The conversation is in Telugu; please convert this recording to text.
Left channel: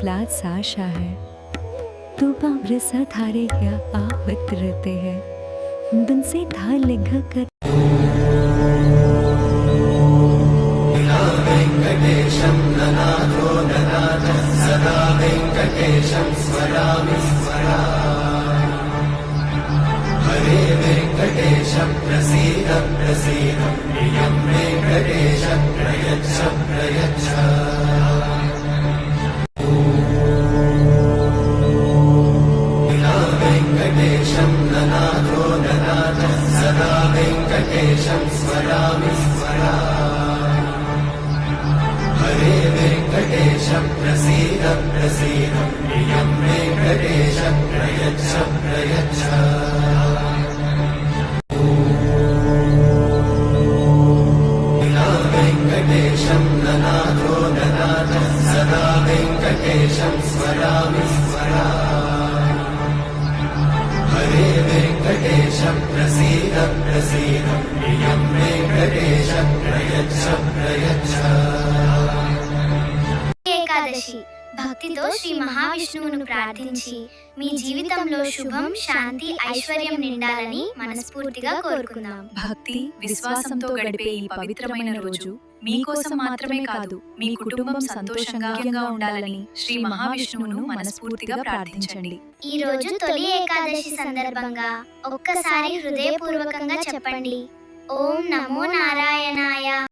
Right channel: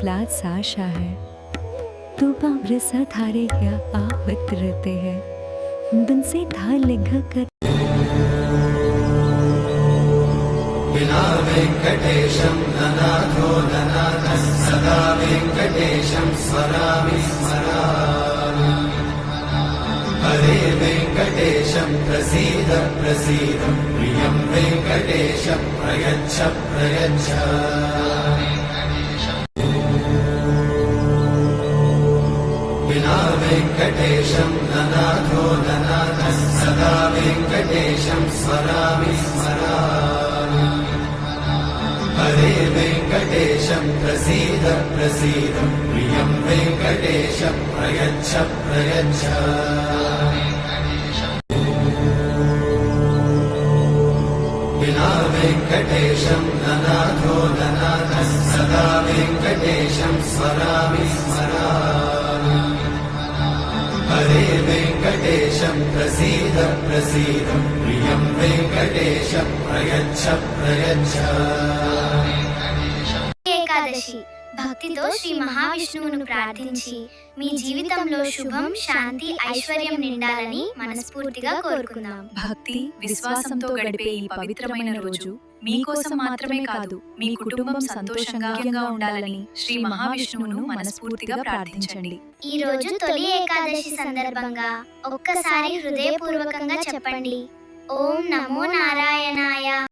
प्लात साशा है तू पावरसा थारे क्या आवत रहते हैं बन से था लिखा कर वेंकटेशं ननाथो ननाथः सदा वेंकटेशं स्मरामि स्मरामि हरे वेंकटेशं प्रसीद प्रसीद प्रियं वेंकटेशं प्रयच्छ प्रयच्छ विना वेंकटेशं ननाथो ननाथः सदा वेंकटेशं स्मरामि स्मरामि हरे वेंकटेशं प्रसीद प्रसीद प्रियं वेंकटेशं प्रयच्छ प्रयच्छ विना वेंकटेशं ननाथो ननाथः सदा वेंकटेशं स्मरामि स्मरामि हरे वेंकटेशं प्रसीद प्रसीद प्रियं वेंकटेशं प्रयच्छ प्रयच्छ ఏకాదశి భక్తితో శ్రీ మహావిష్ణువును ప్రార్థించి మీ జీవితంలో శుభం శాంతి ఐశ్వర్యం నిండాలని మనస్ఫూర్తిగా కోరుకుందాం. భక్తి విశ్వాసంతో గడిపే ఈ పవిత్రమైన రోజు మీకోసం మాత్రమే కాదు, మీ కుటుంబం సంతోషంగా ఉండాలని శ్రీ మహావిష్ణువును మనస్ఫూర్తిగా ప్రార్థించండి. ఈ రోజు తొలి ఏకాదశి సందర్భంగా ఒక్కసారి హృదయపూర్వకంగా చెప్పండి, ఓం నమో నారాయణాయ.